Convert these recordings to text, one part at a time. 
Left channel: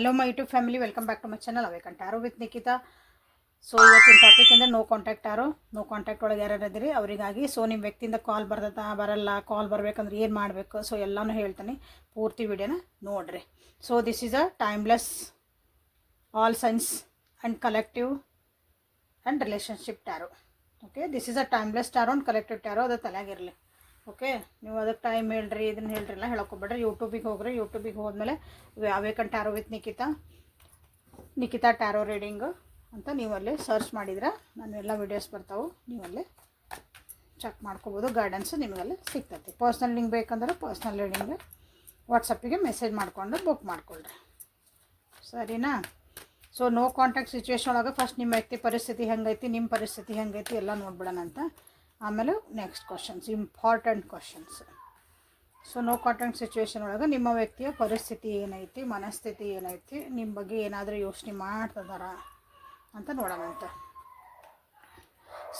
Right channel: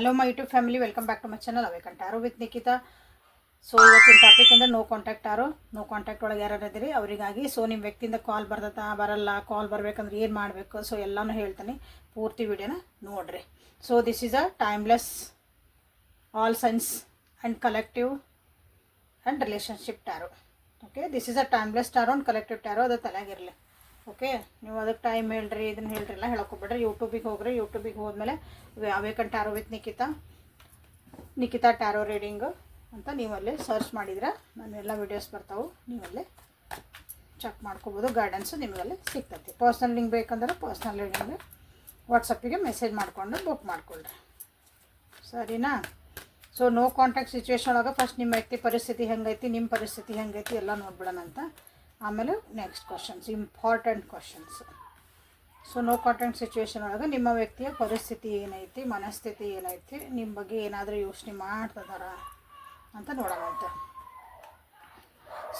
Hello my YouTube family, welcome back to my channel awakened ಆರೋ with Nikhita. So ಇವತ್ತಿನ topic ಅಂದರೆ no contact ಆರೋ. No contact ಒಳಗೆ ಯಾರು ಇದ್ದೀರಿ ಅವರಿಗಾಗಿ. ಸೊ ನಿಮ್ಮ ವ್ಯಕ್ತಿಯಿಂದ ಕಾಲ್ ಬರ್ತದ ಬರಲ್ಲ, ಕಾಲ್ ಬರಬೇಕಂದ್ರೆ ಏನು ಮಾಡಬೇಕು, ಸೊ ಎಲ್ಲನೂ ಹೇಳ್ತೀನಿ. ಪೂರ್ತಿ ವಿಡಿಯೋನ ನೋಡಿರಿ. So this is a timeless all signs and collective and relationship tarot. Okay, this is a timeless tarot and collective tarot. ಅದು ತಲೆಯಾಗಿರಲಿ. ಓಕೆ, ನೀವು ಅದಕ್ಕೆ ಟೈಮ್ ಹೇಳ್ರಿ, ಇದನ್ನು ಹೇಳ್ರಿ ಎಲ್ಲ ಹೇಳ್ಕೊಬಿಡ್ರಿ. ಯೂಟ್ಯೂಬಿಗೆ ಹೋಗ್ರಿ. ಯೂಟ್ಯೂಬಿಗೆ ಹೋದ್ಮೇಲೆ awakened tarot with Nikhita tarot reading ಅಂತ ನೀವಲ್ಲೇ ಸರ್ಚ್ ಮಾಡಿದ್ರೆ ನಾನೆಲ್ಲ ವೀಡಿಯೋಸ್ ಬರ್ತಾವೆ. ನೀವಲ್ಲೇ ಚೆಕ್ ಮಾಡ್ಕೋಬೋದು. ಗೈಡೆನ್ಸು ನಿಮಗಲ್ಲೇ ಸಿಗ್ತೈತಿ. ಪರ್ಸ್ನಲ್ ಲಿಂಕ್ ಬೇಕಂದ್ರೆ ಪರ್ಸ್ನಲ್ ರೀಡಿಂಗ್ ವಾಟ್ಸಪ್ಪಿಗೆ ಮೆಸೇಜ್ ಮಾಡಿಕೊಂಡು ಬುಕ್ ಮಾಡಿಕೊಳ್ರಿ. ಸರಿನಾ? ಸೊ ನೋ ಕಾಂಟ್ಯಾಕ್ಟ್ ಸಿಚುವೇಶನ್ ಒಳಗೆ ಫಸ್ಟ್ ನಿಮ್ಮ ವ್ಯಕ್ತಿ ಪರಿಸ್ಥಿತಿ ಹೆಂಗೈತಿ, ನಿಮ್ಮ ಪರಿಸ್ಥಿತಿ ಹೆಂಗೈತಿ ಎಲ್ಲ ನೋಡ್ಬಿಡೋಣ ಅಂತ. ಆಮೇಲೆ next questions, important questions. So no contact situation ಒಳಗೆ ನಿಮ್ಮ ವ್ಯಕ್ತಿಯ ಪರಿಸ್ಥಿತಿ ಏನೈತಿ, ಮನಸ್ಥಿತಿ ಏನೈತಿ, ನಿಮ್ಮ ಬಗ್ಗೆ ಏನಾದರೂ ಯೋಚನೆ ಮಾಡ್ತಿದಾರ ಅಂತ ನೋಡೋಣಂತೆ.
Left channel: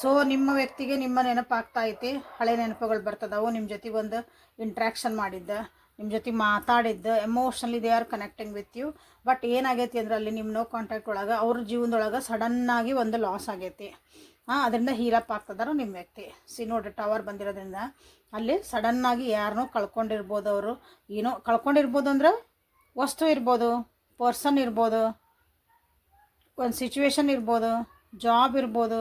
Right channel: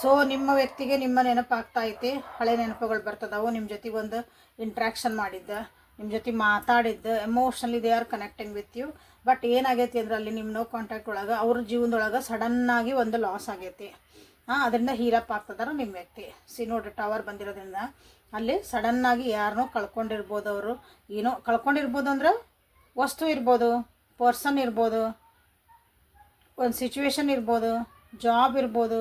ಸೊ ನಿಮ್ಮ ವ್ಯಕ್ತಿಗೆ ನಿಮ್ಮ ನೆನಪಾಗ್ತಾ ಐತಿ, ಹಳೆ ನೆನಪುಗಳು ಬರ್ತದವು. ನಿಮ್ಮ ಜೊತೆಗೆ ಒಂದು ಇಂಟ್ರ್ಯಾಕ್ಷನ್ ಮಾಡಿದ್ದ, ನಿಮ್ಮ ಜೊತೆ ಮಾತಾಡಿದ್ದ, emotionally they are connecting with you. But ಏನಾಗೈತಿ ಅಂದ್ರೆ ಅಲ್ಲಿ ನಿಮ್ಮ ನೋ ಕಾಂಟ್ಯಾಕ್ಟ್ ಒಳಗೆ ಅವ್ರ ಜೀವನದೊಳಗೆ ಸಡನ್ನಾಗಿ ಒಂದು ಲಾಸ್ ಆಗೈತಿ. ಅದರಿಂದ ಹೀರಪ್ ಆಗ್ತದಾರ ನಿಮ್ಮ ವ್ಯಕ್ತಿ. ನೋಡ್ರಿ, ಟವರ್ ಬಂದಿರೋದ್ರಿಂದ ಅಲ್ಲಿ ಸಡನ್ನಾಗಿ ಯಾರನ್ನೋ ಕಳ್ಕೊಂಡಿರ್ಬೋದು. ಅವರು ಏನೋ ಕಳ್ಕೊಂಡಿರ್ಬೋದು ಅಂದ್ರೆ ವಸ್ತು ಇರ್ಬೋದು, ಪರ್ಸನ್ ಇರ್ಬೋದು, ಒಂದು ಸಿಚುವೇಶನ್ ಇರ್ಬೋದು, ಜಾಬ್ ಇರ್ಬೋದು.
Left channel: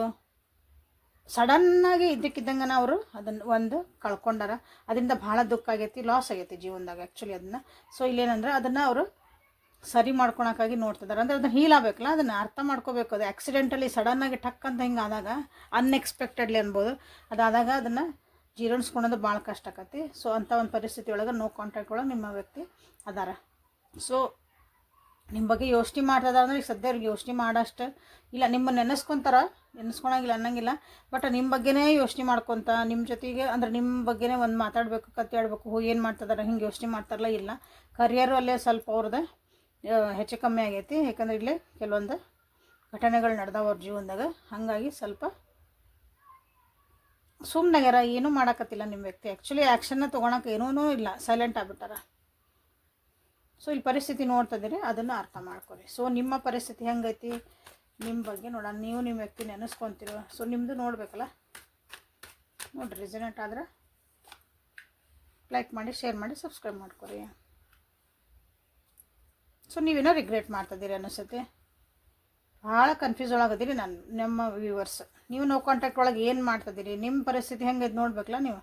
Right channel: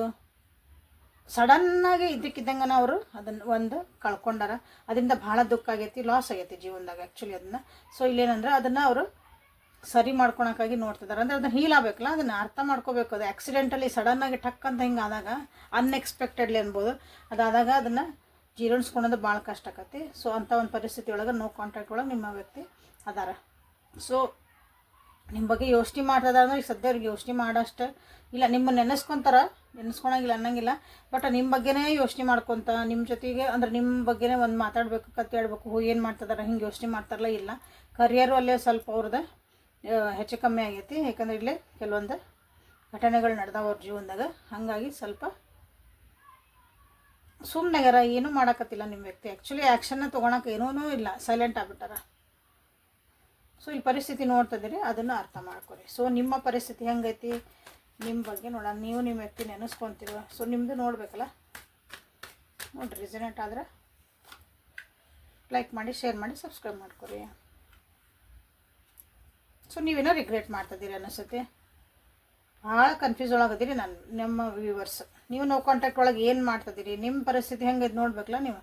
ಸಡನ್ನಾಗಿ ಇದ್ದಕ್ಕಿದ್ದಂಗೆ ಅವರು ಅದನ್ನು ಒಂದು ಕಳ್ಕೊಂಡಾರ. ಅದರಿಂದ ಭಾಳ ದುಃಖ ಆಗೈತಿ, ಲಾಸ್ ಆಗೈತಿ ಜೀವನದಾಗ ಆ್ಯಕ್ಚುಲಿ ಅದನ್ನು. ಸೊ ಇಲ್ಲೇನಂದ್ರೆ ಅದನ್ನು ಅವರು ಸರಿ ಮಾಡ್ಕೊಳಕ್ಕಾಗಿ ನೋಡ್ತಿದ್ದಾರೆ. ಅಂದರೆ ಅದನ್ನು ಹೀಲ್ ಆಗಬೇಕಲ್ಲ, ಅದನ್ನು ಅರ್ಥ ಮಾಡ್ಕೋಬೇಕು. ಅದು ಆ್ಯಕ್ಸಿಡೆಂಟಲಿ ಸಡನ್ನಾಗಿ ಟಕ್ ಅಂತ ಹಿಂಗೆ ಆದಾಗ, ಅನ್ಎಕ್ಸ್ಪೆಕ್ಟೆಡ್ಲಿ ಅನ್ಬೋದು, ಅದಾದಾಗ ಅದನ್ನು ಜೀರ್ಣಿಸ್ಕೊಳೋದು ಭಾಳ ಕಷ್ಟ ಆಕತಿ. ಸೊ ಅಂಥ ಒಂದು ಪರಿಸ್ಥಿತಿ ಒಳಗೆ ನೋ ಕಾಂಟ್ಯಾಕ್ಟ್ ಒಳಗೆ ನಿಮ್ಮ ವ್ಯಕ್ತಿ ಅದಾರ. ಸೊ ನಿಮ್ಮ ಬಗ್ಗೆ ಯೋಚನೆ ಮಾಡ್ತದ ಅಂದ್ರೆ ಈಗ ಸದ್ಯ ಅವ್ರಿಗೆ ಯೋಚನೆ ಮಾಡೋಷ್ಟು ಇಲ್ಲ. ನಿಮ್ಮ ನೆನೆಸ್ಕೊಳಂಗಿಲ್ಲ ಅನ್ನಂಗಿಲ್ಲ. ಬಟ್ ನಿಮ್ಮ ಬಗ್ಗೆನೇ ಯೋಚನೆ ಮಾಡ್ಕೊತ ನಿಮ್ಮ ಜೊತೆಗೆ ಅಂದ್ರೆ ನಿಮ್ಮ ಬಗ್ಗೆನೇ ಒಂದು ಮಾತಾಡಬೇಕು, ಕತೆ ಆಡಬೇಕು, ಏನು ಮಾಡ್ತಿದಾರೆ ಹಿಂಗೆ ಯೋಚನೆ ಮಾಡ್ತಾರಲ್ಲ. ಇಲ್ಲ, ಕರಿಯರು ಅಲ್ಲೇ ಸ್ವಲ್ಪ ಅವ್ರದ್ದು ಹೆಚ್ಚು ಕಮ್ಮಿ ಆಗೈತಿ. ಯಾಕಂದ್ರೆ ಇಲ್ಲೇ ಕೆಲವೊಂದು ಘಟನೆಗಳು ನಡೆದಾವ ಅವ್ರ ಜೀವನದಾಗ. ಹಾಗಾಗಿ ಸ್ವಲ್ಪ ಸುಮ್ಮನೆಗಾರ, ಏನೂ ಮಾಡೋಕತ್ತಿಲ್ಲ ನಿಮ್ಮ ವ್ಯಕ್ತಿ. ಆ್ಯಕ್ಚುಲಿ ಆ್ಯಕ್ಷನ್ನ ತೊಗೊಳಕ್ಕೆ ಏನೂ ಇಲ್ಲ, ಸೈಲೆಂಟ್ ಆಗ್ಬಿಟ್ಟಾರ. ಸೊ ಈ ಪರಿಸ್ಥಿತಿ ನೋಡ್ತಿದ್ದೀರಿ, ಅದನ್ನು ಅರ್ಥ ಮಾಡ್ಕೊರಿ. ಸೊ ನಿಮ್ಮ ಪರಿಸ್ಥಿತಿ ಹೆಂಗೈತಿ, ನಿಮ್ಮ ಬಗ್ಗೆ ನೋಡೋಣ. ನೀವು ನಿಮ್ಮ ವ್ಯಕ್ತಿ ನೆನೆಸ್ಕೊತಿರೋ. ಸೊ ನಿಮ್ಮದು ನೋಡಬೇಕಲ್ಲ. ನೋಡಿರಿ, ರಿಸನೇಟ್ ಆದ್ರೆ ಲೈಕ್ ಮಾಡಿ, ಶೇರ್ ಮಾಡಿ, ಸಬ್ಸ್ಕ್ರೈಬ್ ಮಾಡ್ಕೊರಿ. ಸೊ ನೀವೇನೋ ರಿಗ್ರೆಟ್ ಮಾಡ್ತಿದ್ದೀರಿ ಅನಿಸುತ್ತೆ. ಭಾಳ ಕನ್ಫ್ಯೂಸ್ ಒಳಗದಿರಿ ನಮ್ಮ ವ್ಯೂವರ್ಸ್. ನೀವು ನೋ ಕಾಂಟ್ಯಾಕ್ಟ್ ಒಳಗೆ ಏನು ಮಾಡ್ತಿದ್ದೀರಿ, ನಿಮ್ಮ ಪರಿಸ್ಥಿತಿ ಹೆಂಗೆ ಇದು ನೋಡ್ಬೇಕಲ್ಲ ನೀವು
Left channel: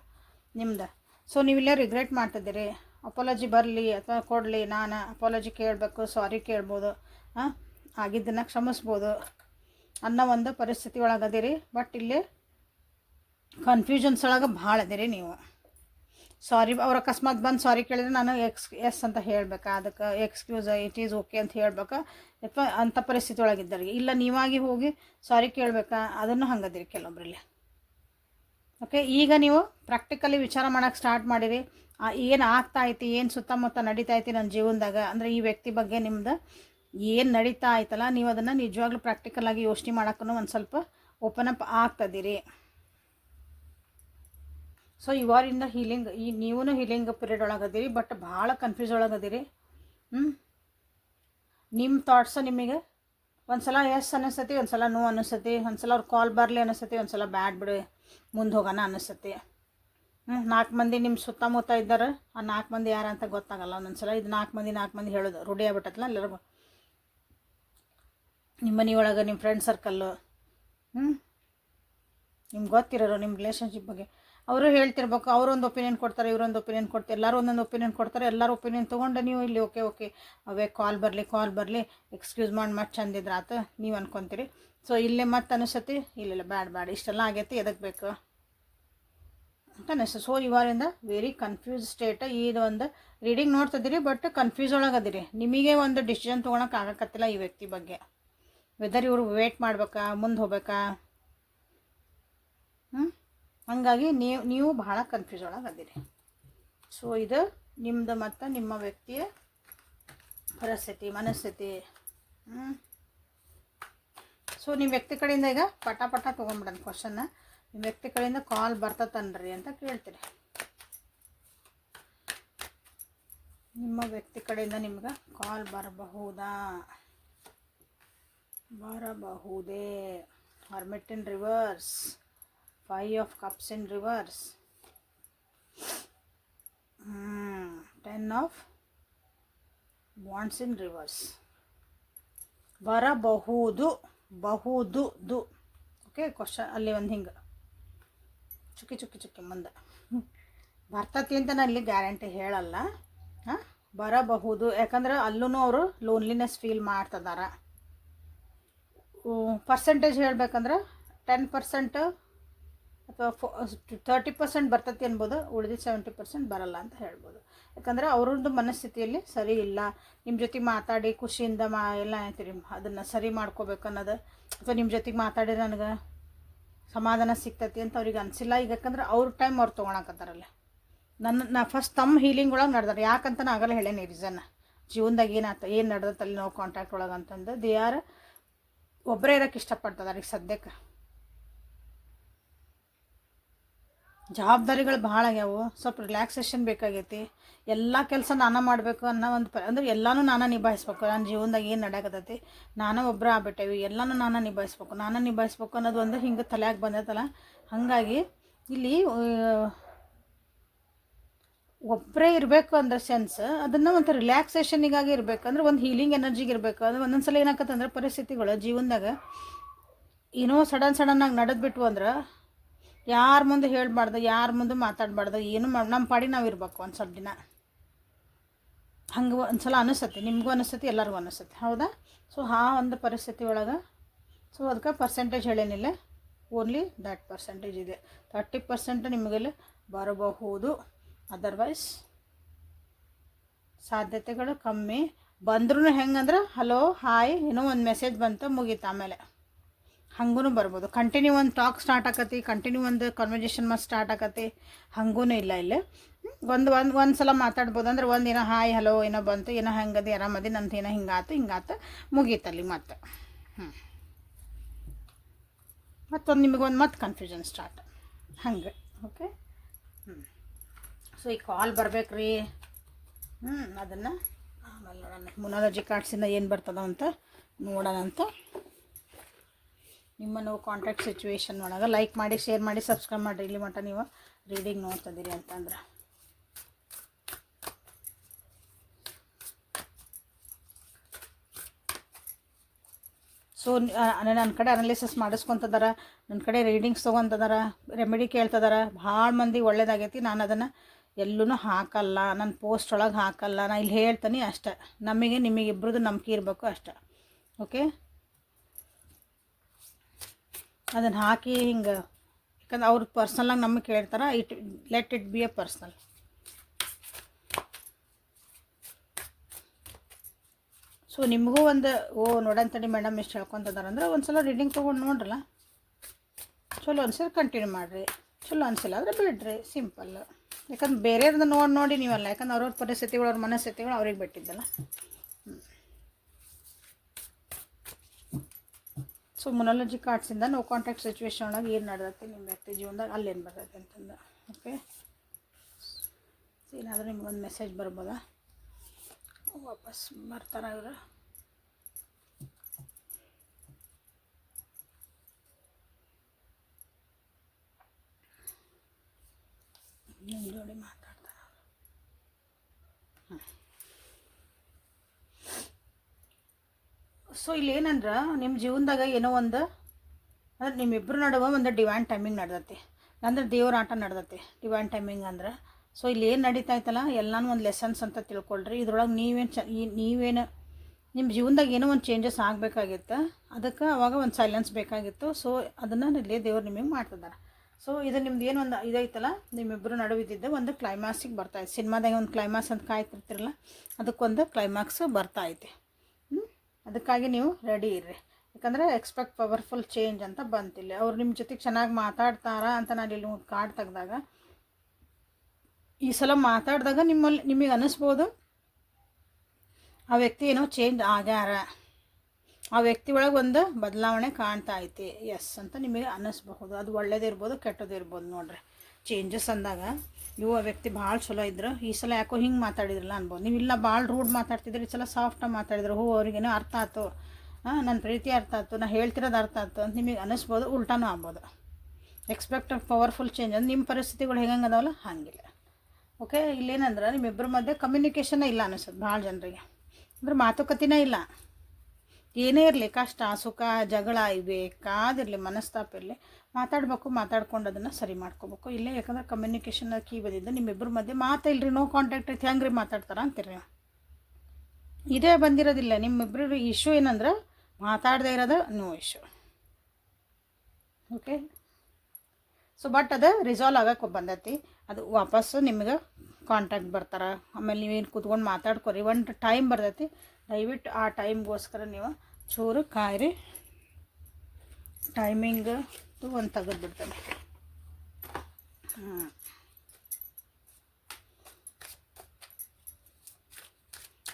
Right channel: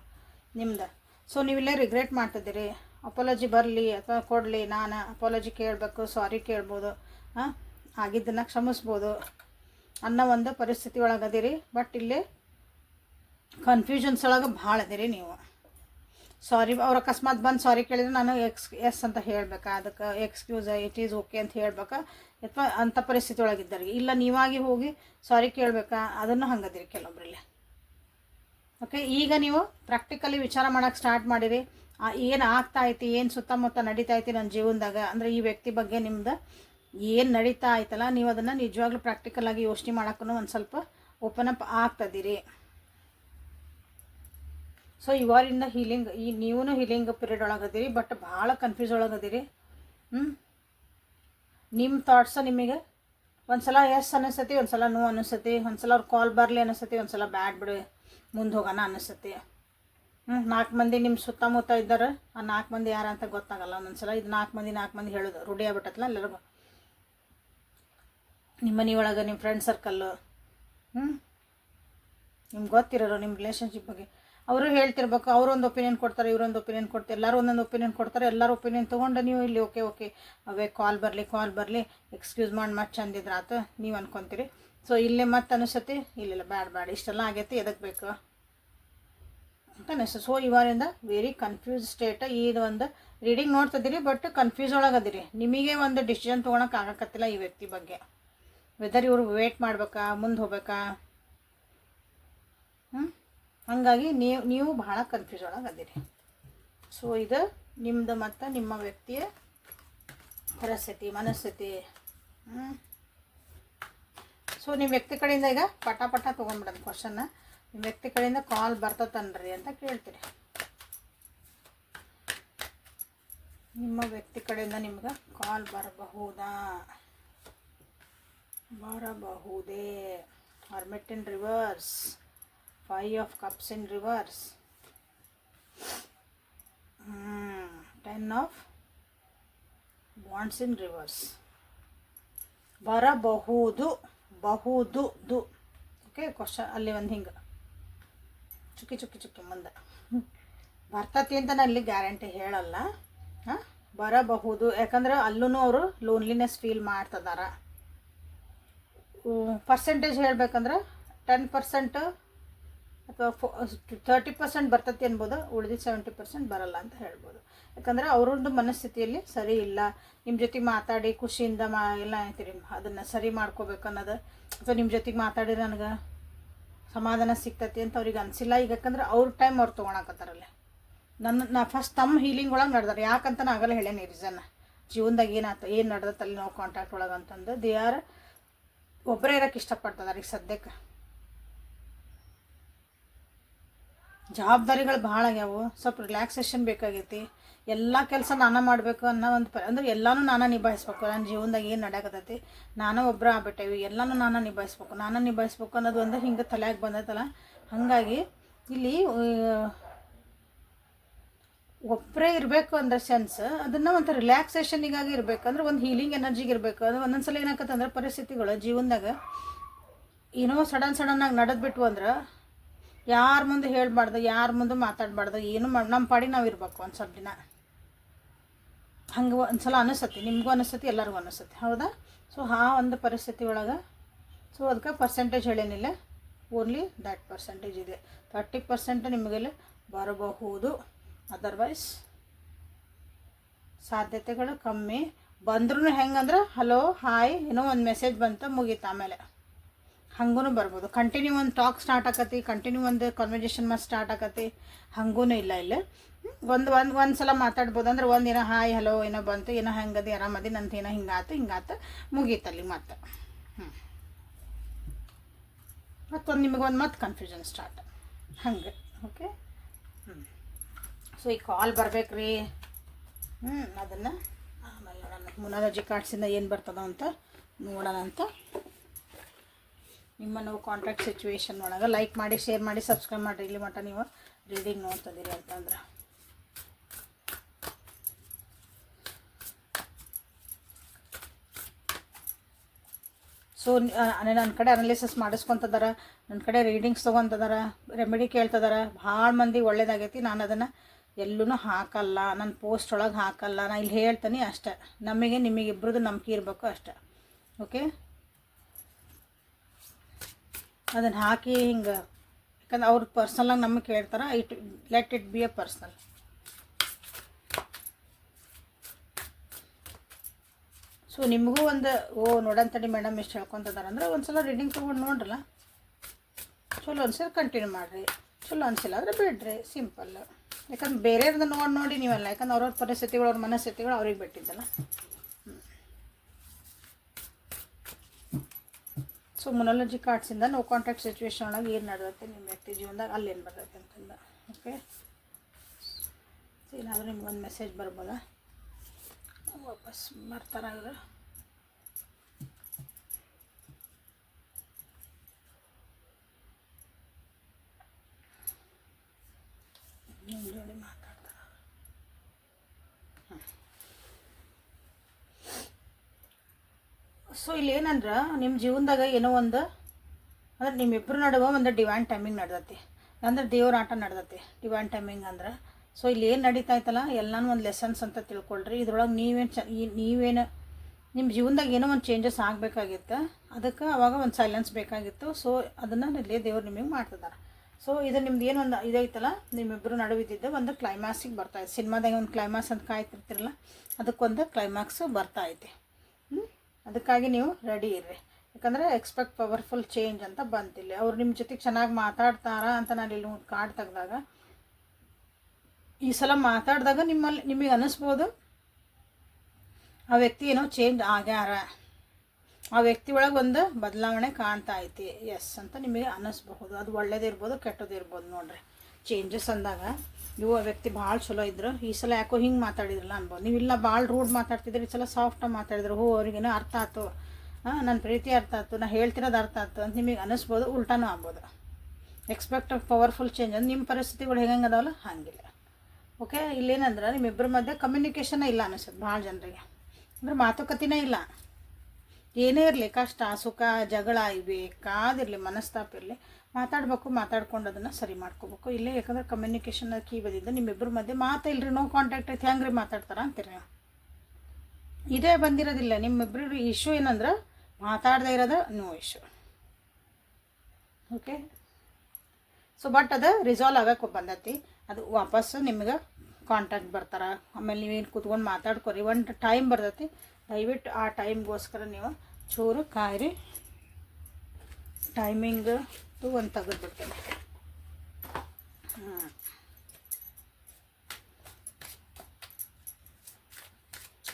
ನಿಮ್ದು. ಸೊ ನೀವಿಲ್ಲೇ ರಿಗ್ರೆಟ್ ಮಾಡ್ತಿದ್ದೀರಿ. ಅಪಾಲಜಿ ಬರಲಿ ಅಥವಾ ಕೊಡಲಿ, ನಾನು ಅಪಾಲಜಿ ಕೇಳಬೇಕು, ಸಾರಿ ಕೇಳ್ಬೋದು, ಆಗಿದ್ದನ್ನು ಕ್ಷಮಿಸ್ಬೋದು ಅನ್ನೋ ಒಂದು ಪರಿಸ್ಥಿತಿ ಒಳಗದಿರಿ. ಬಟ್ ಇಲ್ಲಿ ಕನ್ಫ್ಯೂಷನ್ಸ್ ಒಳಗೆ ಭಾಳ ಅದಿರಿ ನೀವು. ಸಾರಿ, ಅವ್ರು ಅಕಸ್ಮಾತ್ ಬಂದು ಸಾರಿ ಕೇಳಿದ್ರೆ ನಾನು ಎಸ್ ಅಂತ ಹೇಳಬೇಕಾ, ಅದಕ್ಕೆ ಎಕ್ಸ್ಕ್ಯೂಸ್ ಇಟ್ ಈಸ್ ಓಕೆ ಅಂತ ಹೇಳ್ಬೇಕಾ, ಅಥವಾ ಅಂಥ ಪರಿಸ್ಥಿತಿ ಒಳಗಿದ್ದರಿಗೆ. ಇಲ್ಲ, ನೀವಾಗಿ ಹೋಗಿ ಸಾರಿ ಕೇಳಬೇಕಾ, ಅದನ್ನು ಹಂಗದಿರಿ ಕೆಲವೊಬ್ಬರಲ್ಲಿ. ಓಕೆ, ಈಗ ನೀವು ಪ್ರಾಕ್ಟಿಕಲಿ ವಿಚಾರ ಮಾಡೋಕ್ಕೆ ಸ್ಟಾರ್ಟ್ ಮಾಡಿರಿ. ಏನು ಆಗ್ತಾ ಐತಿ, ಏನು ಸುತ್ತಮುತ್ತ ನಡೀತಾ ಐತಿ ನನ್ನ ಜೀವನದಾಗ, ಅಂದರೆ ಈ ವ್ಯಕ್ತಿ ಬಗ್ಗೆ ನಿಮ್ದು ಏನು ನಡೀತಾ ಆಯ್ತಲ್ಲ, ನೀವು ಅದನ್ನು ನಿಜವಾಗ್ಲೂ ಪ್ರಾಕ್ಟಿಕಲಾಗಿ ಯೋಚನೆ ಮಾಡೋಕ್ಕೂ ಒಂದು ಸ್ವಲ್ಪ ಓಪನ್ ಅಪ್ ಆಗ್ತದಿರಿ. So you are in the healing. ನೀವೂ ಹೀಲಿಂಗ್ ಪೀರಿಯಡ್ ಒಳಗದಿರಿ. ಬಟ್ ಭಾಳ ಕನ್ಫ್ಯೂಸ್ ಒಳಗದಿರಿ. ನಿಮ್ಮ ಥಾಟ್ಸ ನಿಮಗೆ ಒಂದು ಸಲ ಎಸ್ ಅನ್ನಿಸ್ತತಿ, ಒಂದು ಸಲ ನೋ ಅನ್ನಿಸ್ತತಿ, ಒಂದು ಸಲ ಅವ್ರು ಕಾಲ್ ಬರಲಿ ಅನ್ನಿಸ್ತತಿ, ಒಂದು ಸಲ ಬ್ಯಾಡ್ ಬಿಡು ಮುಂದೆ ಹೋಗೋಣ ಅನ್ನಿಸ್ತತಿ. 4 ಮಂದಿ ನಿಮ್ಮ ಸುತ್ತಮುತ್ತ ಇದ್ದಾರೆ, ಆ 4 ಮಂದಿ ಯಾರು ಅಂತ ಗೊತ್ತಾಗಲ್ಲ ಒಂದೊಂದು ಸಲ. ಇದು 4 ಮಂದಿ ಹೇಳೋದು ರೂಢಿ ಆಗ್ಬಿಟ್ಟತ್ತಲ್ಲ ಎಲ್ಲರಿಗೂ. ನಿಮ್ಮ ಮನೆ ಒಳಗೆ ನಿಮ್ಮ ಫ್ರೆಂಡ್ ಸರ್ಕಲ್ಲು, ನಿಮ್ಗೆ ಗೊತ್ತಿರೋರು ನಿಮ್ಮ ರಿಲೇಷನ್ಶಿಪ್ ಬಗ್ಗೆ ಅವರು ಹೇಳ್ತಿರ್ಬೇಕು. ಅವರೊಂದು ಒಪಿನಿಯನ್ ಕೊಡ್ತಾರೆ, ಇವರೊಂದು ಒಪಿನಿಯನ್ ಕೊಡ್ತಾರೆ, ಎಲ್ಲರೂ ಒಂದೊಂದು ಒಪಿನಿಯನ್ ಕೊಡ್ತಾರೆ. ಎಲ್ಲರೂ ಒಪಿನಿಯನ್ ತೊಗೊಂಡು ನೀವು ಇಲ್ಲಿ ಓಕೆ ಅವೇ ಕಾಲ್ ಬರಲಿ ಎಕ್ಸ್ಕ್ಯೂಸ್ ಮಾಡಿ ಮತ್ತೆ ಚಂದಿದ್ರೆ ಆತು ನೀವು ಅನ್ಕೊತೀರಿ. ಸೊ ಇಲ್ಲೇ ಮತ್ತೆ ಅನಿಸ್ತತಿ, ಇಲ್ಲ ಬ್ಯಾಡ್ ಇಷ್ಟೆಲ್ಲ ಆಗೈತಿ, ಎದಕ್ಕೆ ಬೇಕು ಅಂತ ಅನಿಸ್ತು. ಸೊ ಇವರಿಂದ ವೆರಿ ಕನ್ಫ್ಯೂಸ್ ಸ್ಟೇಟ್. ಇದು ಒಂದು ರೀಡಿಂಗ್ ನೋಡ್ತಿದ್ದೀರಿ, ಬಟ್ ಕನ್ಫ್ಯೂಸ್ ಒಳಗದಿರಿ. ನಿಮಗೆ ಒಂದು ಡಿಸಿಷನ್ ತೊಗೊಳಕ್ಕೆ ಆಗಕತ್ತಿಲ್ಲ ಈ ವ್ಯಕ್ತಿ ಬಗ್ಗೆ. ವೆದರ್ ಇವರು ವೇಟ್ ಮಾಡ್ಬೇಕಾ, ಮುಂದೆ ಹೋಗ್ಬೇಕಾ. ಹಾಗಾಗಿ ನೀವು ಭಾಳ ಕನ್ಫ್ಯೂಸ್ ಒಳಗದಿರಿ. ಸೊ ಇದು ನಿಮ್ಮದು ಮತ್ತು ನಿಮ್ಮ ವ್ಯಕ್ತಿಯ ಪರಿಸ್ಥಿತಿ, ಮನಸ್ಥಿತಿ. ಸೊ ನಿಮ್ಮ ವ್ಯಕ್ತಿ ಕಡೆಯಿಂದ ಈಗ ಪಟ ತೊಗೊಂಡ್ಬಿಡೋದು ಕ್ವಶನ್ನ. ನಿಮ್ಮ ವ್ಯಕ್ತಿ ಕಡೆಯಿಂದ ಕಾಲ್ ಬರ್ತತನ್ರಿ ಅಂತ ಕೇಳ್ತೀರಿ. ನಿಮ್ಮ ವ್ಯಕ್ತಿ ಕಡೆಯಿಂದ ನಿಮ್ಗೆ ಕಾಲ್ ಬರಬಹುದೇ? Hermit in reverse, 5 of cups in reverse, 10 of wands in reverse. ಬರಬಹುದು ಓಕೆ. ಕ್ವಶನ್ ಅಲ್ಲಿ ಒಂದು ಹಿಂಗೆ ಚುಕ್ಕಿ ಮುಂದೆ ಬರ್ತತಿ ಅಂತ ನಾನು ಅಲ್ಲಿ ಗ್ಯಾರಂಟಿ ಹೇಳಲ್ಲ. ಬರಬಹುದು, ಯಾಕಂದ್ರೆ ಅಲ್ಲೂ ಅವರು ಲೋನ್ಲಿನೆಸ್ ಫೀಲ್ ಮಾಡ್ತಿದಾರ. ಪರ್ಸೆಂಟೇಜ್ ಹೇಳ್ಬೇಕಂದ್ರೆ 10% ಅಥವಾ 30% ಬರ್ತತಿ ಅನ್ಬೋದು, ಉಳಿದಿದ್ದು 70% ಬರಲ್ಲ ಅಂತ ಹೇಳ್ಬೋದು. ಯಾಕಂದ್ರೆ ಅವ್ರದ್ದು ಮನಸ್ಥಿತಿಯಲ್ಲಿ ಸರಿ ಇಲ್ಲ. ನಿಮ್ಮ ಜೊತೆಗೆ ಮಾತಾಡಿ ಖುಷಿಯಿಂದ ಎಲ್ಲ ಅಂತೀರಿ, ಅದನ್ನು ಸರಿ ಮಾಡ್ಕೋಬೇಕು ಅನ್ನೋದು, ಅಥವಾ ನಿಮ್ಮ ಜೊತೆಗೆ ಮಾತಾಡಿ ನನಗೆ ಸಮಾಧಾನ ಸಿಗ್ತತಿ ಅಂತ ಅವ್ರಿಗೆ ಅನಿಸಿಲ್ಲ ಈಗ. ಯಾಕಂದ್ರೆ ಅವ್ರ ಟೈಮ್ ಅವ್ರು ತೊಗೊಳಕತ್ತಾರಲ್ಲ. ನಾ ಫಸ್ಟ್ ತಮ್ಮ ಹೀಲಿಂಗ್ ಒಳಗೆ ನಡೆದಾರೆ. ಯಾಕಂತ ನಾ ಆಗಲ್ಲ ಹೇಳೇನಿ ರೀಸನ್. ಜೀವನದಾಗ ಏನು ನಡೆದತ್ತಲ್ಲಿ ನಾವು ಕಾಂಟ್ಯಾಕ್ಟ್ ಒಳಗೆ ಅಂತಂದು ದೇ ಆರ್ ಒಬ್ಬರೇ ಇರೋಕ್ಕೆ ಇಷ್ಟಪಡ್ತದಾರೆ ಈಗ ಸದ್ಯಕ್ಕೆ. ಜವಾಬ್ದಾರಿಗಳು ಭಾಳ ಆಗ್ಯಾವು, ಸ್ವಲ್ಪ ರಿಲ್ಯಾಕ್ಸೇಷನ್ ಬೇಕಾಗೈತಿ. ಎಲ್ಲ ಕೆಲಸ ನಾನೇ ಮಾಡಬೇಕು ಅನ್ನೋ ಒಂದು ಅಂದ್ರೆ ಎಲ್ಲನೂ ನಾನೇ ನಿಭಾಯಿಸ್ಬೇಕು. ನನ್ನ ಜೀವನದಾಗ ಏನು ನಡೆಯಕತ್ತೈತಿ, ನಾನೇ ಒಬ್ಬರು ಆಗ್ಬಿಟ್ಟೇವಿ, ಎಲ್ಲನೂ ನಾನೇ ನಿಭಾಯಿಸ್ಬೇಕು ಅನ್ನೋದು ಒಂದು ಹಿಂಗೆ ತಲೆಯಾಗಿ ಬಂದೈತಲ್ಲ. ಹಾಗಾಗಿ ಇಲ್ಲಿ ಒಬ್ಬರೇ ಇರಬೇಕು ಅಂದ್ರೆ ಸೆನ್ಸ್, ಅದನ್ನು ಒಂದು ರಿಲ್ಯಾಕ್ಸೇಷನಿಗಾಗಿ ಇರಬೇಕಂದ್ರೆ ಒಂದು ಹೀಲಿಂಗ್ ಎನರ್ಜಿಗೆ ಇರಬೇಕು. ಅದು ಒಂದೊಂದು ಸಲ ಏನಾಕತ್ತಂದ್ರೆ ಪರಿಸ್ಥಿತಿಗಳು ಜೀವನದಾಗ ಏನೋ ಸಡನ್ನಾಗಿ ನಡೆದ್ಬಿಟ್ವು ಅಂದ್ರೆ ಯಾರ ಮುಂದೆ ಹೇಳಬಾರ್ದು, ಯಾರ ಮುಂದೆ ಮಾತಾಡಬಾರ್ದು, ಏನು ನಮ್ಮ ಪಾಡಿ ನಾವು ಇರಬೇಕು ಒಂದು ಸ್ವಲ್ಪ ದಿನ. ಹಂಗೆ ಒಂದು ಸಲ ಅನಿಸ್ತತಿ, ನಿಮಗೂ ಅನಿಸ್ತತಿ, ಎಲ್ಲರಿಗೂ ಅನಿಸ್ತತಿ, ಹೌದಾ? ಸೊ ಒಂದು ಪರಿಸ್ಥಿತಿ ಒಳಗೆ ಸೊ ಅದಕ್ಕೆ ಪರ್ಸೆಂಟೇಜ್ ಹೇಳೇನಿಲ್ಲ, ಓನ್ಲಿ ದ್ಯಾಟ್ ಪರ್ಸೆಂಟೇಜ್ ಇದೆ. 30% ನಿಮಗೆಲ್ಲ ಬರಬಹುದು, ಅದರ್ವೈಸ್ ಸಾಧ್ಯತೆಗಳು ಕಮ್ಮಿ. ಬಂದ್ರೂ ಹೆಂಗಂದ್ರೆ ಹಲೋ ಹಾಯ್ ಏನೋ ಒಂದು ಮೆಸೇಜ್ ಬಂತ ಮುಗೀತು, ಆಮೇಲೆ ಹಂಗೂ ಬರ್ಬೋದು. ಕಂಟಿನ್ಯೂ ಒಂದು ಟಾಕ್ ಸ್ಟಾರ್ಟ್ ಆಕತಿ, ಕಂಟಿನ್ಯೂ ಒಂದು ಕನ್ವರ್ಜೇಷನ್ ಸ್ಟಾರ್ಟ್ ಆಕತಿ, ಹಂಗೂ ಇಲ್ಲ. ಇಲ್ಲಿ ಒಂದು ಸಲ ಮಾತಾಡ್ಬೋದು ಅಂದ್ರೆ ಒಂದಿನ ಹಾಯ್ ಹಲೋ ಏನೋ ಬಂತು, ಏನೋ ಹೆಂಗದಿ ಆರಾಮದಿ, ನಂದು ಏನೋ ಹಿಂಗಾತು ಮುಗೀತಲ್ಲಿ ಮತ್ತೆ. ಮತ್ತೊಂದು ನಿಮಗೊಂದು ಮತ್ತೆ ಕನ್ಫ್ಯೂಷನ್ ಸ್ಟಾರ್ಟ್ ಹಂಗೆ. ಓಕೆ. ಸೊ ಈ ಕಾಲ್ ಬರ್ಬೇಕ್ರಿ. ಅದನ್ನು ಆಮೇಲೆ ನನ್ನ ಮುನಾಲಜಿ ಕಾರ್ಡ್ಸಿಂದ ಏನು ಬರ್ತದ ಅಂತ ನೋಡೋಣಂತ. ನಿಮ್ಮ ನೀವು ಕಾಂಟ್ಯಾಕ್ಟ್ ಸಿಚುವೇಶನ್ ಒಳಗೆ ಲೈಕ್ ಮಾಡಿ, ಶೇರ್ ಮಾಡಿ, ಸಬ್ಸ್ಕ್ರೈಬ್ ಮಾಡಿ. ಇಲ್ಲಿ ಮಟ್ಟ ನೀವು ರೀಡಿಂಗ್ ನೋಡ್ತಿದ್ದೀರಿ ಅಂತಂದ್ರೆ ಸೊ ನನ್ನ ಕಡೆ ಅನಾಲಿಸಿಸ್ ಮಾಡಿಸ್ಕೊತದಾರ, ನನ್ನ ಕಡೆ ರೀಡಿಂಗ್ಸ್ ತೊಗೊತದಾರ, ರೆಮಿಡಿ ಕೇಳ್ತದಾರ. ಭಾಳ ಮಂದಿ ಒಳ್ಳೇದಾಗೈತಿ. ನಾನು ಅದನ್ನು ಎಲ್ಲೂ ಹಾಕಲ್ಲ, ನನ್ನ ಪೋಸ್ಟ್ ಒಳಗೆ ಹಾಕಲ್ಲ. ನಾನು ಇಲ್ಲಿ ಹೇಳ್ತೀನಿ ಅಷ್ಟೆ. ನಿಮಗಿಬ್ರದ್ದು ನಂಬಿಕೆ ಇರಬೇಕು ಅಷ್ಟೆ. ಓಕೆ. ಅದನ್ನು ಹಾಕಿ ಹಿಂಗೆ, ಯಾಕಂದ್ರೆ ಅವ್ರು ಪರ್ಸ್ನಲಾಗಿ ನಮಗೆ ಕೇಳ್ತಾರೆ. Let it be A personal. So ನಿಮಗೂ ಒಂದು ನೋಡಂತಡಿ ಮೇಡಮ್ ಇಷ್ಟು ಹೇಳ್ಕೊತದಾರೆ ಅಂದ್ರೆ ಒಂದು ಸಲ ರೀಡಿಂಗ್ ತೊಗೊಂಡು ನೋಡ್ರಲ್ಲ, ಚಲೋ ಅನ್ಸಿದ್ರೆ ಕಂಟಿನ್ಯೂ ಮಾಡಿರಿ, ಚಲೋ ಅನಿಸಿಲ್ಲ ಅಂದರೆ ಬಿಡ್ರಿ, ಸಿಂಪಲ್. ಯಾಕಂದ್ರೆ ಬೇರೆಯವ್ರದ್ದು ನೋಡಿ ನೀವಲ್ಲ, ಯಾಕಂದ್ರೆ ಅವ್ರವ್ರ ಪರಿಸ್ಥಿತಿಗಳು, ಅವ್ರ ಮನಸ್ಥಿತಿಗಳು ಅವ್ರಿಗೆ ಬಿಟ್ಟಿದ್ದಲ್ಲ. ಸೊ ಮೊನಾಲಜಿ ಕಾರ್ಡ್ಸಿಂದ ನೋ ಕಾಂಟ್ಯಾಕ್ಟ್ ಸಿಚುವೇಶನ್ ಒಳಗೆ ಏನು ನಡೆದೈತಿ ನಿಮ್ಮ ವ್ಯಕ್ತಿ ಜೀವನದಾಗ, ಅಲ್ಲೇನು ಬರ್ತೈತೆ ಅಂತಂದು. ಓಕೆ. ಏನಾದರೂ ನಿಮ್ಗೊಂದು ಮೆಸೇಜ್ ಬರ್ಬೋದಾ? ವಾಪಸ್ ಬರ್ತಾರ ಅವರು. ನಿಮ್ಮ ಜೋಡಿ ಮಾತಾಡ್ತಾರೆ. ಸೊ ಇಲ್ಲಿ ಏನಂದ್ರೆ ನಿಮ್ಮ ಜೀವನದಾಗ ಏನೋ ಒಂದು ಅಂದ್ರೆ ನಿಮ್ಮಿಬ್ಬರ ನಡುವೆ ಒಂದು ಡಿವೈನ್ ಟೈಮಿಂಗ್ ನಡೆದೈತಿ, ಅಂದ್ರೆ ದೇವ್ರ ಆಟ ನಡೆದೈತಿ. ಡಿವೈನ್ ಟೈಮಿಂಗ್ ಅಂದ್ರೆ ಸೊ ಇಲ್ಲಿ ಏನು ನಡೀತಾ ಇತ್ತಲ್ಲ ಎಲ್ಲನೂ ಒಂದು ಲೆಸನ್ಸ್ ಅಂತ ತಿಳ್ಕೊಳ್ರಿ. ಇದ್ರೊಳಗೆ ನೀವೇನು ನಿಮ್ಮ ಜೀವನದಾಗ ಏನೋ ಒಂದು ಚೇಂಜಸ್ ಆಗಬೇಕಾಗಿತ್ತು, ಅದಕ್ಕೆ ಅವಾಗ ಒಂದು ಸೈಲೆನ್ಸ್ ಬೇಕಾಗಿತ್ತು. ಸೊ ಅದನ್ನು ಇಲ್ಲಿ ದೇವ್ರು ನಿಮಗೆ ಮಾಡ್ತಿದ್ದಾರೆ. ಸೊ ಇದು ನಿಮ್ದು ಏನೊಂದು ಇದೈತಲ್ಲ, ನಿಮ್ಮಿಬ್ಬರು ನಡುವಿದ್ದಿದ್ದು ಒಂದು ಕ್ಲೈಮ್ಯಾಕ್ಸಿಗೆ ಬರ್ತಾಯಿದೆ. ಸಿನಿಮಾದಾಗ ಒಂದು ಕ್ಲೈಮ್ಯಾಕ್ಸ್ ಅಂತ ಕಾಯ್ತಿರ್ತಿರಲ್ಲ, ಅದಕ್ಕೊಂದು ಕ್ಲೈಮ್ಯಾಕ್ಸ್ ಬರ್ತಾ ಐತಿ. ಅದಕ್ಕಾಗಿ ನೀವು ರೆಡಿ ಇರ್ರಿ. ಯಾಕಂದರೆ ಎಕ್ಸ್ಪೆಕ್ಟ್ ಪವರ್ಫುಲ್ ಚೇಂಜ್ ಅಂತ ಬಂತಿಲ್ಲ. ಅವ್ರು ನಿಮ್ಮ ಜೊತೆಗೆ ಚೆನ್ನಾಗಿ ಮಾತಾಡ್ತಾರಾ ಅಂತ ನಾನು ಇಲ್ಲಿ ಕಾರ್ಡ್ ತೆಗೆದಾಗ, ಈ ಸಲ ಮಾತಾಡಿದಾಗ ನಿಮಗೆ ಅನ್ನಿಸ್ಬೋದು ಆ ವ್ಯಕ್ತಿ ಏನೋ ಚೇಂಜ್ ಆಗ್ಯಾರ, ಆ ವ್ಯಕ್ತಿ ಒಳಗೆ ಒಂದು ಬದಲಾವಣೆ ಕಾಣ್ತಾ ಐತಿ, ಎಸ್ ಅಂತ ನಿಮಗೆ ಅನ್ನಿಸ್ಬಹುದು. ಅದು ಒಳ್ಳೇದಿರ್ಬೋದು ಕೆಟ್ಟದಿರ್ಬೋದು. ನೋಡ್ರಿ, ಚೇಂಜಸ್ ಅಂದಾಗ ಯುವ ವ್ಯಕ್ತಿ ಭಾಳ ಚಲೋ ಇದ್ರು. ಈ ಸಲ ಯಾಕೋ ಹಿಂಗೆ ಮಾತಾಡಿದ್ರಲ್ಲ ಅನ್ಬೋದು. ನೀವಿಲ್ಲ ಭಾಳ ರೂಡ್ ಮಾತಾಡ್ತಿದ್ರಿ, ಈ ಸಲ ಸಾಫ್ಟಾಗಿ ಮಾತಾಡಿದ್ರು. ಅವ್ರಿಗೇನೋ ಅರ್ಥ ಆಯ್ತು, ನನ್ನ ಪ್ರೀತಿ ಅರ್ಥ ಆಯ್ತು, ನಾ ಹೇಳ್ತಿರೋದು ಅರ್ಥ ಆಯ್ತು ಅಂತ ನಿಮಗೆ ಅನ್ನಿಸ್ಬೋದು, ಉಲ್ಟಾನೂ ಆಗ್ಬೋದು. ಎಕ್ಸ್ಪೆಕ್ಟ್ ಪವರ್ಫುಲ್ ಚೇಂಜ್ ಅಂದ್ರೆ ನಿಮ್ಮ ಪರಿಸ್ಥಿತಿಗಳು ಹೆಂಗೆ ಅದಾವಲ್ಲ ಹಾಗಿಲ್ಲ. ಓಕೆ, ಇಲ್ಲೇನಂದ್ರೆ ನಿಮ್ಮಿಬ್ಬರ ಮಧ್ಯೆ ಕಮ್ಯುನಿಕೇಷನ್ ಇಲ್ಲ ಅನ್ನಿಸುತ್ತೆ ಭಾಳ ಜನರಿಗೆ. ಅಂದ್ರೆ ಮಾತುಕತೆನೇ ಇಲ್ಲ. ಏನೇ ಇರಲಿ, ಕಷ್ಟ ಸುಖ ಜಗಳ ಬೇಕಾದಿರಲಿ, ಮನಸ್ತಾಪ ಇರಲಿ, ಮಾತಾಡ್ಕೊಂಡು ಅದನ್ನು ಸರಿ ಮಾಡ್ಕೋಬೇಕು. ಇಲ್ಲೇ ಯಾಕಂದ್ರೆ ಕಮ್ಯುನಿಕೇಷನ್ ಕೀ ಬಂದಿದ್ದು. ನಿಮ್ಮಿಬ್ಬರ ಮಧ್ಯೆ ಮಾತಾ ಇಲ್ಲರಿ, ನೋ ಕಾಂಟ್ಯಾಕ್ಟ್ ಐತೆ, ಹೆಂಗೆ ರೀ ಮಾತಾಡ್ತಾರ ಅಂತೀರಿ. ಇದೇ ಬಂದಿರೋದಿಲ್ಲ. ನಿಮ್ಮಿಬ್ಬರು ಇಶ್ಯೂ ಏನಂದ್ರೆ ಮಾತಾಡದೇ ಇರೋದು no issue. Okay, so but ಅದು ರಿಸಾಲ್ವ್ ಆಗಕ್ಕೆ ಬಂದೈತಿ. ಅದು ವಾಪಸ್ಸು ನಿಮ್ಗೆ ಕಾಂಟ್ಯಾಕ್ಟ್ ಬರ್ತಾರೆ. ಆಮೇಲೆ ನೀವೇನು ಕೂತ್ಕೊಂಡು ಮಾತಾಡ್ಕೊರಿ, ಒಂದು ಟೈಮ್ ಬರ್ತೈತಿ. ದಯವಿಟ್ಟು ಆ ಟೈಮ್ಗೋಸ್ಕರ ನೀವು ಚೂರು ಕಾಯಿರಿ. ಟೈಮಿಂಗ್ ಒಂದು ತೆಗೆದುಬಿಡ್ತಾನೆ.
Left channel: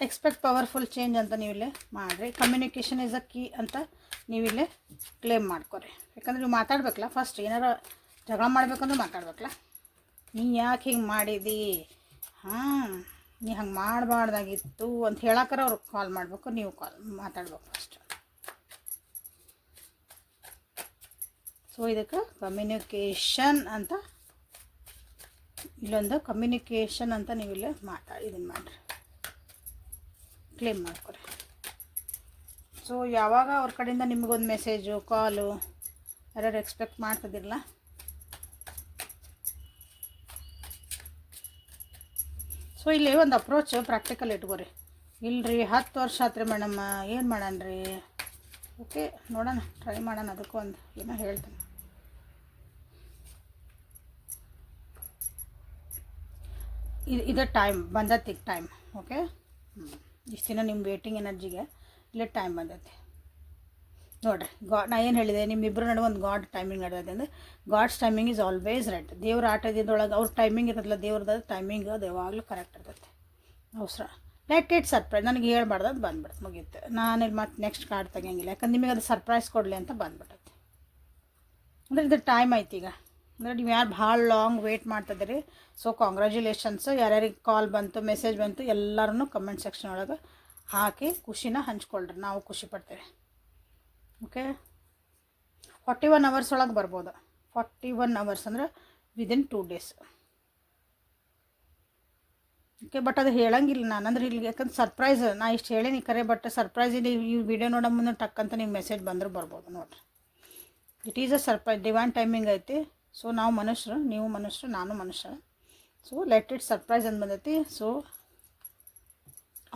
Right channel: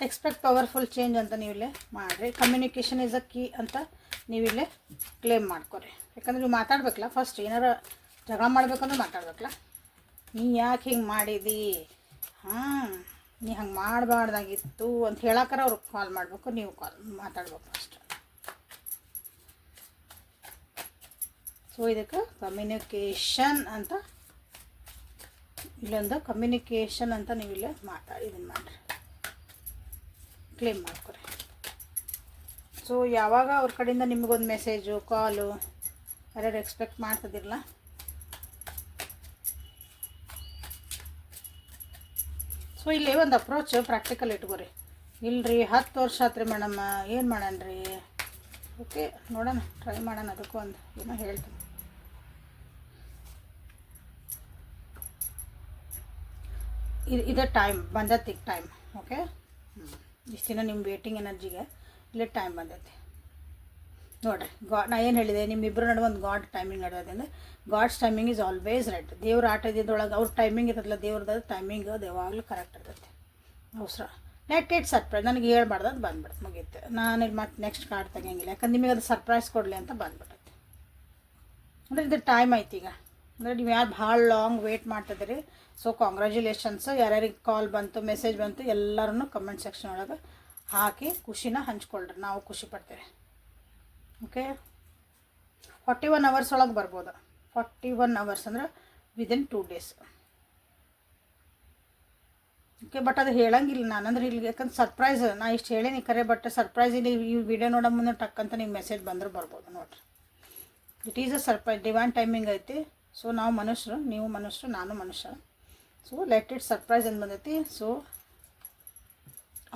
ಎಕ್ಸ್ಪೆಕ್ಟ್ ಪವರ್ಫುಲ್ ಚೇಂಜ್ ಅಂತ ನೀವಿಲ್ಲೇ ಮಾಡಿರಿ. ಕಮ್ಯುನಿಕೇಷನ್ ಇಸ್ ಅ ಕೀ ಅಂತ ನೀವಿಲ್ಲೇ ಕ್ಲೇಮ್ ಮಾಡ್ಕೊರಿ. ಯಾಕಂದ್ರೆ ನೀವು ಮಾತಾಡ್ಬೇಕಲ್ಲ, ಫಸ್ಟ್ ಏನಾರ ಜಗಳ ಮಾಡ್ಬೇಕಂದ್ರೆ ಮಾತಾಡ್ಬೇಕಲ್ಲ. ನೀ ಯಾಕೆ ಹಿಂಗೆ ಮಾಡಿದಿ, ನೀ ಹಂಗೆ ಮಾಡಬಾರ್ದಾಗಿತ್ತು ಅಂತ ಹೇಳಕ್ಕಾರ ಅವ್ರಿಗೆ ಕಾಲ್ ಮಾಡಬೇಕು, ನೀವು ಮಾತಾಡ್ಬೇಕು ಫಸ್ಟ್. ಸೊ ಇದಕ್ಕೆ ಕಮ್ಯುನಿಕೇಷನ್ ಅಂತ ಇಲ್ಲೊಂದು ಕಮ್ಯುನಿಕೇಷನ್ ಅಂತ ನೀವಿಲ್ಲೇ ಇದನ್ನು ಮಾಡಿರಿ, ಕ್ಲೇಮ್ ಮಾಡ್ಕೊರಿ. ಸೊ ಯಾವಾಗ ಅವ್ರ ಕಡೆಯಿಂದ ನಿಮಗೊಂದು ಮೆಸೇಜು ಕಾಲು ಯಾರು ಎಕ್ಸ್ಪೆಕ್ಟ್ ಮಾಡ್ತಿದ್ದಿರಲ್ಲ, ಸೊ ಇಲ್ಲಿ ಒಂದು ಅಪ್ರೋಚ್ ಪ್ರಾಕ್ಟಿಕಲ್ ಇಟ್ಕೋರಿ. ಇಲ್ಲರಿ 10 ವರ್ಷ ಆತ್ರಿ ಮೇಡಮ್, ಏನು ಮಾಡೋಣ. ಓಕೆ, ನೋಡೋಣ, ಟ್ರೈ ಮಾಡೋಣ. ಅದಕ್ಕೂ ಒಂದು ಏನೋ ಹೇಳ್ತೀನಿ. ಇದು ಟೈಮ್ ಬಂದೈತಿ, ಟೈಮ್. ಓಕೆ, ಇಷ್ಟು ದಿನ ನಿಮ್ಮ ವೇಟಿಂಗ್ ಎನರ್ಜಿಗೆ ಇಲ್ಲಿ ಟೈಮ್ ಬಂದೈತಿ ನೋಡಿರಿ. ನಾ ಏನು ಹೇಳಿದೆ, ನಿಮ್ಮಿಬ್ಬರು ನಡುವೆ ಒಂದು ಗಾಡ್ ಟೈಮಿಂಗ್ ನಡೆದೈತೆ ಅಂದರೆ God's timing is always right. ದೇವ್ರ ಆಟದೊಳಗೆ ಅವ್ರ ಟೈಮಿಂಗ್ ಇರೋದಿಲ್ಲ, ದೇವ್ರದ್ದು ಟೈಮಿಂಗ್ ಅದು ಯಾವಾಗಲೂ ಕರೆಕ್ಟ್ ಇರ್ತೈತಿ. ಅವಸರ ಲೆಟ್ ಇಟ್ ಸರ್ಪ್ರೈಸ್. ನನಗೆ ಹೇಳ್ಬಾರ್ದು, ಅದು ಬಂದ್ಬಿಡುತ್ತೆ, ಮುಗಿಯುತ್ತೆ. ನಾನು ಇಲ್ಲಿ ಮತ್ತೆ ನೆಕ್ಸ್ಟ್ ಕಾರ್ಡ್ ತೆಗಿಯಂಗಿಲ್ಲ, ಯಾಕಂದ್ರೆ ನಿಮಗೆ ಅದು ಸರ್ಪ್ರೈಸ್ ಕೊಡಲಿ ಅಂತ ಬಂದ್ಬಿಟ್ಟೈತಿ. ಅಂದರೆ ಇದು ಟೈಮ್ ಐತಿ ಈಗ. ಅಂದರೆ ನೀವು ಯಾರು ಭಾಳ ಲಾಂಗ್ ವೇಟ್ ಮಾಡ್ತಿದ್ದೀರಿ, ಸೊ ಕಾಂಗ್ರ್ಯಾಚುಲೇಷನ್ಸ್. ಯಾರ್ಯಾರಿಗೆ ಕಾಲ್ ಬಂತು, ಮೆಸೇಜ್ ಬಂತು, ಎಲ್ಲರೂ ಕಮೆಂಟ್ ಸೆಕ್ಷನ್ ಒಳಗೆ ಹಾಕಿ ಖುಷಿನ ಹಂಚ್ಕೊಳ್ರಿ, ನಾವು ಖುಷಿ ಪಡ್ತೇವೆ. ಓಕೆ, 41 hours ಒಳಗೆ ಬರ್ಬೋದು. 41 hours ಅಂದರೆ ವಿದಿನ್ 2 days. ಓಕೆ, ಬಟ್ ಅದು ಹೇಳಂಗಿಲ್ಲ ನಾನು, ಅಂದ್ರೆ ಇಲ್ಲಿ ಯಾಕಂದ್ರೆ ಸರ್ಪ್ರೈಸ್ ನಾ ಇಷ್ಟು ಹೇಳೀನಿ ಕರೆ, ಬಟ್ ಸರ್ಪ್ರೈಸ್ ಇಲ್ಲಿ ಈ ವಿಡಿಯೋ ನೋಡೋ ಮುಂದೆ ಟಕ್ಕಂತ ನಿಮ್ಗೆ ಮೆಸೇಜ್ ಬಂದರೂ ಬರ್ಬೋದು ನೋಡಿರಿ. It is a surprise, divine timing ಐತಿ. ಸೊ ನಾವು ಮನುಷ್ಯರು, ನೀವು ಮನುಷ್ಯರು, ನಾನು ಮನುಷ್ಯ. ಸೊ ಲೆಟ್ ಇಟ್ ಸರ್ಪ್ರೈಸ್ ಅಂತ ಬಂದೈತಿ. So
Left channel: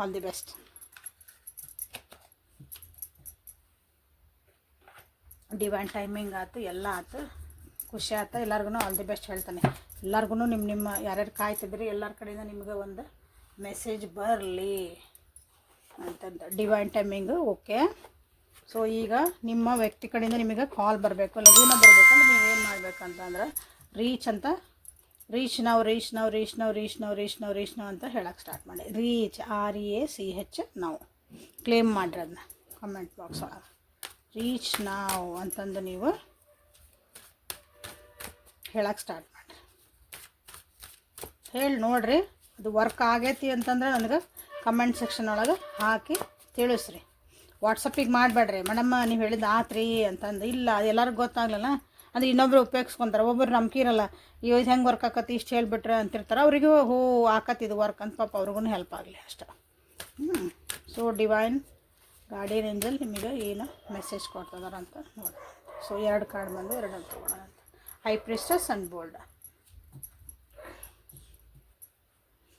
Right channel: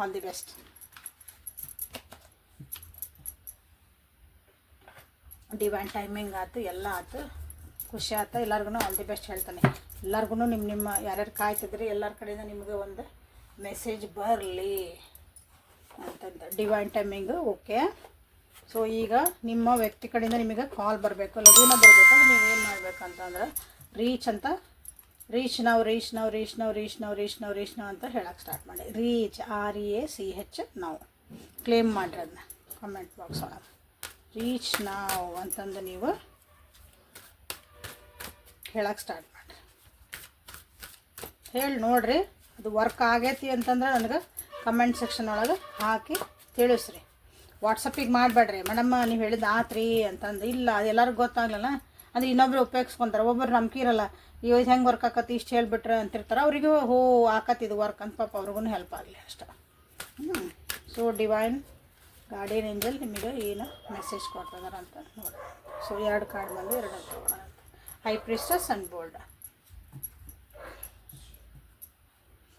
all the best. Divine timing ಆಯ್ತು, ಎಲ್ಲ ಆಯ್ತು, ಖುಷಿ ಆಯ್ತು. ಎಲ್ಲರಿಗೂ ಆಲ್ ದಿ ಬೆಸ್ಟ್ ಹೇಳ್ತಾನೆ. ಎಲ್ಲರಿಗೂ ನಿಮ್ಮ ಯಾರ್ಯಾರು ಕಾಯ್ತಿದ್ರಿ ಎಲ್ಲರ ಕಡೆಯಿಂದ ನಿಮ್ಗೆ ಒಂದು ಮೆಸೇಜ್ ಬರಲಿ ಅಂತಂದು ಡಿವೈನ್ ಟೈಮಿಂಗು. ಓಕೆ, ಸೊ ಈಗ ನಿಮ್ಮ ವ್ಯಕ್ತಿ ಕಡೆಯಿಂದ ನಿಮಗೆ ಕಾಲ್ ಬರಬೇಕು, ಲಘುನ ಬರಬೇಕು. ನೀವು ಏನು ಮಾಡಬೇಕಂತಂದ್ರೆ ರೀಚ್ ನಾವು ಅಂತ ಹೇಳಕ್ಕೆ ಸ್ಟಾರ್ಟ್ ಮಾಡಿ. ರೀಚ್ REACH ನಾವು ಕ್ಲೇಮ್ ಮಾಡಿರಿ. ಅದನ್ನ ಕಮೆಂಟ್ ಬಾಕ್ಸ್ ಒಳಗೆ ರೀಚ್ ನಾವು ಅಂತಂದು ನೀವು ಹೇಳಕ್ಕೆ ಸ್ಟಾರ್ಟ್ ಮಾಡಿ. ಹೇಳಿ ನೋಡಿರಿ, ಅದು ವರ್ಕ್ ಆಗೈತಿ ಅಂತಂದ್ರೆ ನನಗೆ ಕಮೆಂಟ್ ಸೆಕ್ಷನ್ ಒಳಗೆ ಹಾಕಿ ತಿಳಿಸ್ರಿ. ವಾಟ್ಸಪ್ಪಿಗೆ ಮಾಡಬೇಡ್ರಿ, ಮೇಡಮ್ಮ ನೀವು ಹೇಳಿದ್ದು ಆತ್ರಿ ಅಂತಂದು. ಇಲ್ಲ, ಅದು ಎಲ್ಲರಿಗೂ ಗೊತ್ತಾಗಲಿಲ್ಲ ಅಂದರೆ ಇನ್ನೊಬ್ರು ಉಪಯೋಗಿಸ್ಕೊತಾರೆ. ಒಬ್ಬರು ನಂಬಿಕೆ ಇರಲ್ಲ, ಇವಾಗ ಹೆಂಗೆ ವರ್ಕ್ ಆಕತಿ ಇಷ್ಟು ಹೇಳಿಬಿಟ್ರೆ ಅಂತಿರ್ತಾರೆ. ಅವರಿಗೂ ಆಕತ್ತಿದು ವರ್ಕ್ ಅಂತ ಪಾಪ ಅವ್ರಿಗೂ ಹೆಲ್ಪ್ ಆಗಲಿ ಅಷ್ಟೆ. ಸೊ ಡಿವೈನ್ ಗಾರ್ಡಿಯನ್ ಏಂಜಲ್ ನಿಮಗೆ ಏನು ಮೆಸೇಜ್ ಕೊಡ್ತಿದಾರ ಅಂತ ನೋಡಿ. ಸೊ 2 ಕಾರ್ಡ್ ಬಂದು 2 ತಗೋಣ ಅಂತ. High ಪ್ರಿಸ್ಟಸ್ and bold.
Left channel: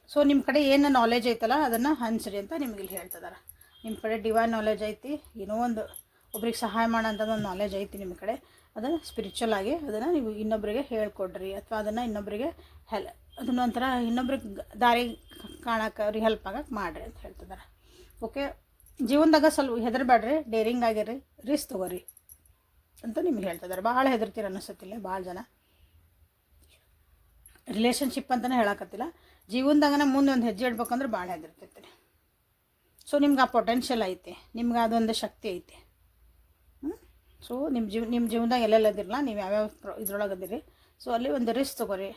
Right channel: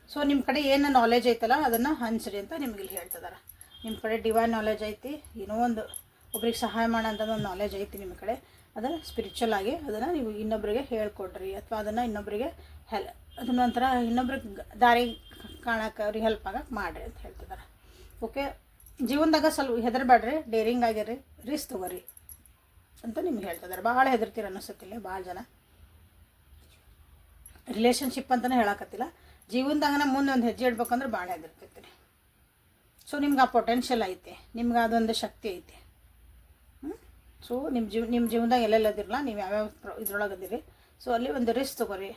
ಸೊ ನಿಮ್ಮ ಕಡೆ ಏನು ನಾಲೆಜ್ ಐತಲ್ಲ ಅದನ್ನು ಹಂಚ್ರಿ ಅಂತ ನಿಮ್ಗೆ ಇಲ್ಲಿ ಹೇಳ್ತಿದಾರೆ. ನಿಮ್ಮ ಕಡೆ ಡಿವೈನ್ ನಾಲೆಜ್ ಐತಿ, ಏನೋ ಒಂದು ಒಬ್ರಿಗೆ ಸಹಾಯ ಮಾಡೋಂಥದ್ದು ಒಂದು ನಾಲೆಜ್ ಐತಿ ನಿಮ್ಮ ಕಡೆ. ಅದನ್ನು ಸ್ಪಿರಿಚುವಲ್ ಆಗಿ ಅದನ್ನು ನೀವು ಇನ್ನೊಬ್ಬರಿಗೆ ಹೇಳ್ಕೊಡ್ರಿ, ಅಥವಾ ಅದನ್ನು ಇನ್ನೊಬ್ಬರಿಗೆ ಅದನ್ನ ಒಂಥರ ಇನ್ನೊಬ್ರಿಗೆ ದಾರಿ ಕಾಣಕ್ಕೆ ಅವ್ರಿಗೆ ಹೆಲ್ಪ್ ಆಗಕ್ಕೆ ಮಾಡಿರಿ ಅಂತ ಹೇಳ್ತಿದ್ದಾರೆ. ಓಕೆ, ಜೀವನದಾಗ ಸ್ವಲ್ಪ ಹೆದರಬೇಡ್ರಿ, ಡೇರಿಂಗ್ ಆಗಿರಿ, ರಿಸ್ಕ್ ತಗೋರಿ ಅಂತ ನಿಮ್ಗೆ ಹೇಳ್ತಿದ್ದಾರೆ. ಭಾಳ ಹೆದರ್ತೀರ ಅನ್ನಿಸುತ್ತಿಲ್ಲ ಭಾಳ ಜನ. ರಿಲೇಷನ್ಶಿಪ್ ಅಂತಲೇ ಹೇಳಕತ್ತಿಲ್ಲ, ಜೀವನದಾಗನ ಮುಂದೆ ಒಂದು ಹೆಜ್ಜೆ ಇಡ್ಬೇಕಂದ್ರೆ ಭಾಳ ಹೆದರ್ತಿರ್ತೀರಿ. ಸೊ ನಿಮ್ಗೆ ಆ ಪೊಟೆನ್ಷಿಯಲ್ ಐತೆ, ನಿಮ್ಗೆ ಅದೊಂದು ಶಕ್ತಿ ಐತೆ. ಸೊ ನಿಮ್ಮ ಜೀವನದಾಗ ಎಲ್ಲೆಲ್ಲದಿರಲ್ಲ, ನೀವು ಯಾವ್ಯಾವ ಇದ್ರೊಳಗೆ ಅದಿರಿ. ಸೊ ಅಲ್ಲಿ ಒಂದು ರಿಸ್ಕ್ ತೊಗೊರಿ,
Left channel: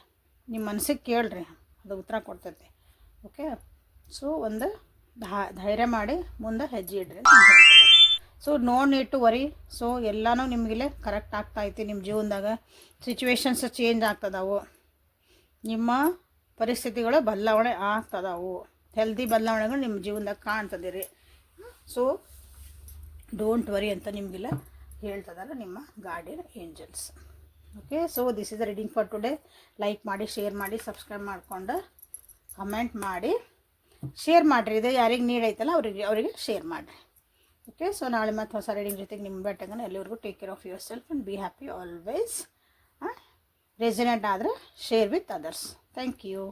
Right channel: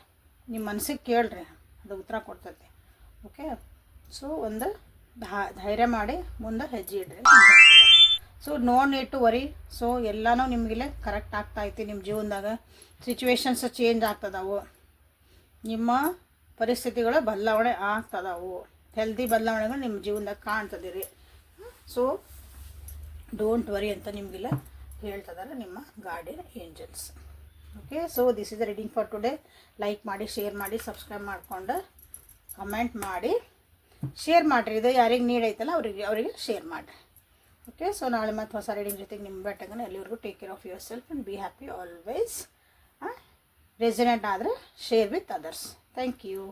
ನಿಮ್ಮ ಮನಸ್ಸಿಗೆ ಕೇಳ್ರಿ, ಅದು ಉತ್ತರ ಕೊಡ್ತೈತೆ. ಓಕೆ, ಸೊ ಒಂದು ಧೈರ್ಯ ಮಾಡಿ ಮುಂದೆ ಹೆಜ್ಜೆ ಇಡ್ರಿ. So no need to worry. So ಎಲ್ಲನೂ ನಿಮಗಿಲ್ಲೇ ಕರೆಕ್ಟ್ ಆಗ್ತಾಯಿತ್ತು. ನಿಮ್ಮ ಜೀವನದಾಗ ಸಿಚುವೇಶನ್ಸ್ ಚೇಂಜ್ ಆಗ್ತದವು, ನಿಮ್ಮ ಪರಿಸ್ಥಿತಿಗಳು ಬದಲಾವಣೆ ಆಗ್ತದವು, ಹೆಲ್ದಿ ಬದಲಾವಣೆಗಳು ನಿಮ್ಮ ಜೀವನದಾಗ ಕಾಣ್ತದಿರಿ. ಸೊ ಡೋಂಟ್ ವರಿ ಅಂತ ನಿಮಗಿಲ್ಲ ಹೇಳ್ತದಲ್ಲ ನಿಮ್ಮ guardian angels. Okay, so this is the reading for today. Like ಮಾಡಿ, ಶೇರ್ ಮಾಡಿ, ಸಬ್ಸ್ಕ್ರೈಬ್ ಮಾಡಿಕೊಂಡು ಕಮೆಂಟ್ ಮಾಡಿ ಶೇರ್ ಮಾಡಿರಿ. ಇದು ಯಾರಿಗೆ ನೀಡ್ ಐತಲ್ಲ ಅವರಿಗೆ ಶೇರ್ ಮಾಡಿರಿ. ಓಕೆ, ಸೊ ನಾಳೆ ಮತ್ತೆ ಹೊಸ ರೀಡಿಂಗ್ ಜೊತೆಗೆ ನಿಮ್ಮ ಬೆಟ್ಟಂಗ ಎಲ್ಲಿವರೆಗೂ take care of yourself and be happy always. Resonant ಆದರೆ share with others. Thank you.